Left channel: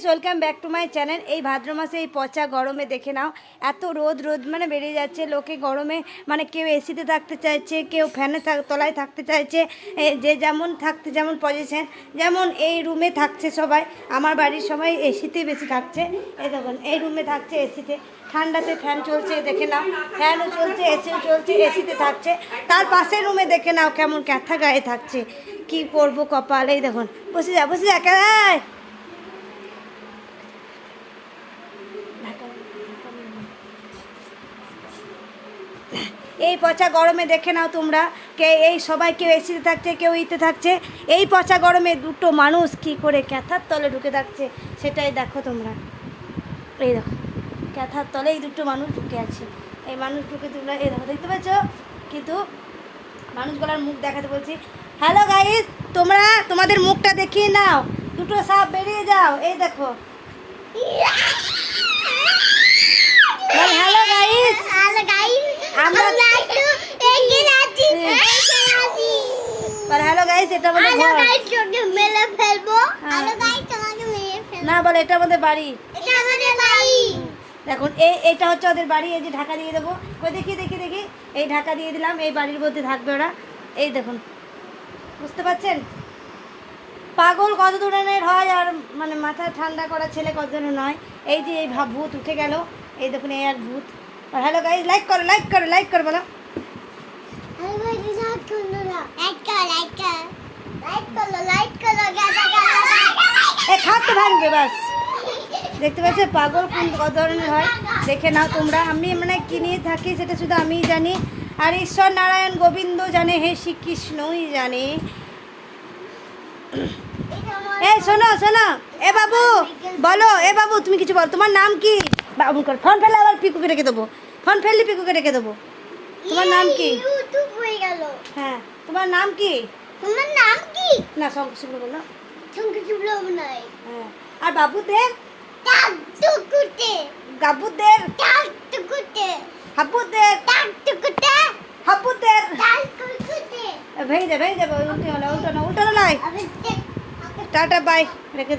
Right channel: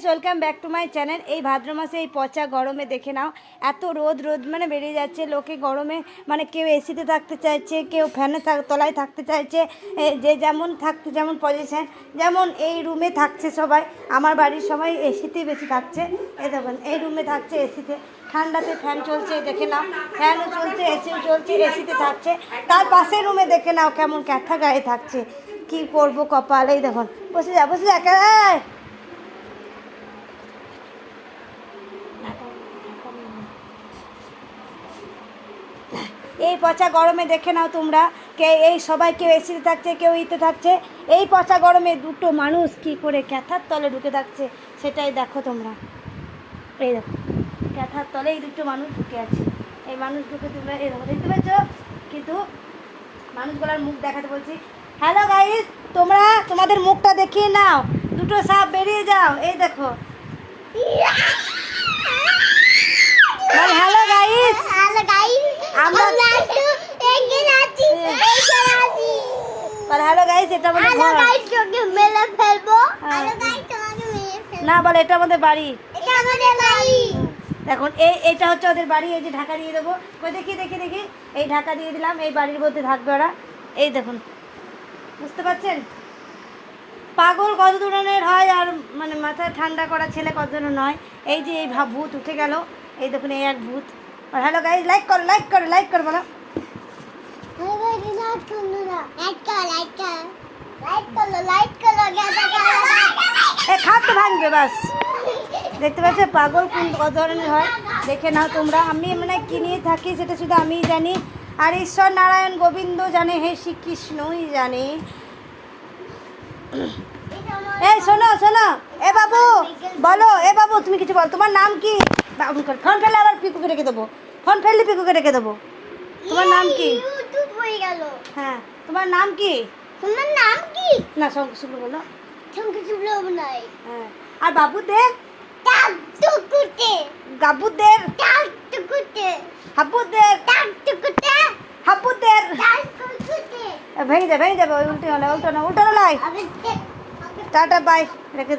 Guys welcome back to my channel এই ভাদ্র মাসে এই পচা গরমে দেখে নাও, এত রোদ রোদ মানে বেড়ে যাচ্ছে। লোকে গরমে মানে কেউ এসিতে থাকতে চাইছে, কেউ ফ্যানে থাক তলায় থাকতে চাইছে। যে যেমন থাকতে, যেমন পজিশন যেমন এই রুমে থাকছে সবাই। আমার বাড়ির সবাই এসিতেই বেশি থাকছে। এই দেখুন, এই রুমে থাকছে এসিতে ঠান্ডাতে ফ্যান চলছে, দেখে নাও। ফ্যানও চলছে এসিও চলছে এসিতে থাকছে। তার পাশের রুমে দেখে নাও কেমন ক্যাথা গায়ে থাকছে। কি করব কপাল, এই দেখুন। বসে যা বসে যা এই পচা গরমে দেখে নাও তোমরা। কে এই সবাই কেউ এসিতে থাকছে, কেউ ইতে থাকছে। এই পচা গরমে দুটো মানুষ কি করে ক্যাথার তলে ঢুকে থাকছে, সেটাই দেখো তোমরা। এই দেখো, ক্যাথার তলে এই দুটো মানুষ ঢুকে আছে। এই মানুষ ঢুকে তোমরা, এই দেখো, দেখতে পাচ্ছ কিন্তু মানুষগুলোর মুখ দেখাতে বলছি হ্যালো গাইস তোমরা তোমাদের মুখটা দেখিয়ে নাও। দুটো সাপ বেরিয়ে যাও, এই দেখো। আমরা- আর হ্যালো গাইস এটা আমাদের ঘর। গাইস তোকে মেরে ফেলব। হ্যাঁ। হ্যালো গাইস তোমাকে মেরে ফেলব। না বলে এটা আমাদের বাড়ি। এটা আমাদের বাড়ি। দেখুন এই এটা হচ্ছে ওদের বাড়ি এই যে ঢাকা দিয়ে দেবো। কই দেখি দেখি দেখি। এই ঢাকা দিয়ে দিলাম এই বাড়ির মধ্যে থাকবে ওরা। এই দেখুন বুঝতে পারছেন? পাগল কত ধরনের হয় আর মানে মাথা ঠান্ডা করা ছেলে কত ধরনের নয়। এই যে এই ভাব ভূত উঠে গেল। এই দেখুন এই এক ভূত। আর হ্যালো গাইজ লাইক করো লাইক করো লাইক করো বলো। হ্যালো গাইস লাইক করো না। লাইক করো লাইক করো। লাইক করো লাইক করো গাদা গাদা এ খাট তো ভাঙবে বাস। দেখতে পাচ্ছ পাগল কোন কত ধরনের হয়। দেখে নাও তোমরা। আমি মানে কি নিয়ে থাকি সেটা শুধু আমিই জানি। আর ঈশ্বর নারায়ণ গোবিন্দ জানে হে শ্রীকৃষ্ণই জানে। এই শোনো শোনো। এ বাবু বলো এ বাবু তুমি কিছু বল। তোমার নাম কি? বাবু কর। ফোন ফেলে আবার পিকুকে রেখে দেবো। ফোন ফেললে পিকুকে রেখে দেবো। তোমার নাম কি? ইউটিউব হয়ে গেল। হ্যাঁ তোমার নাম কি? তোমার নাম কি? না সব শুরু বলো। চুবলো নাই হ্যাঁ আর বাবুদের? টাক টুকুতে। গাবুদের টাক টুকুতে। হাবুদের? টাক টুকুতে। হাবুদের? টাক টুকুতে। ভেঙে যাবে ভেঙে যাবে উল্টে হলে উল্টো না উল্টো আমি টাটা বাই রেখে দে।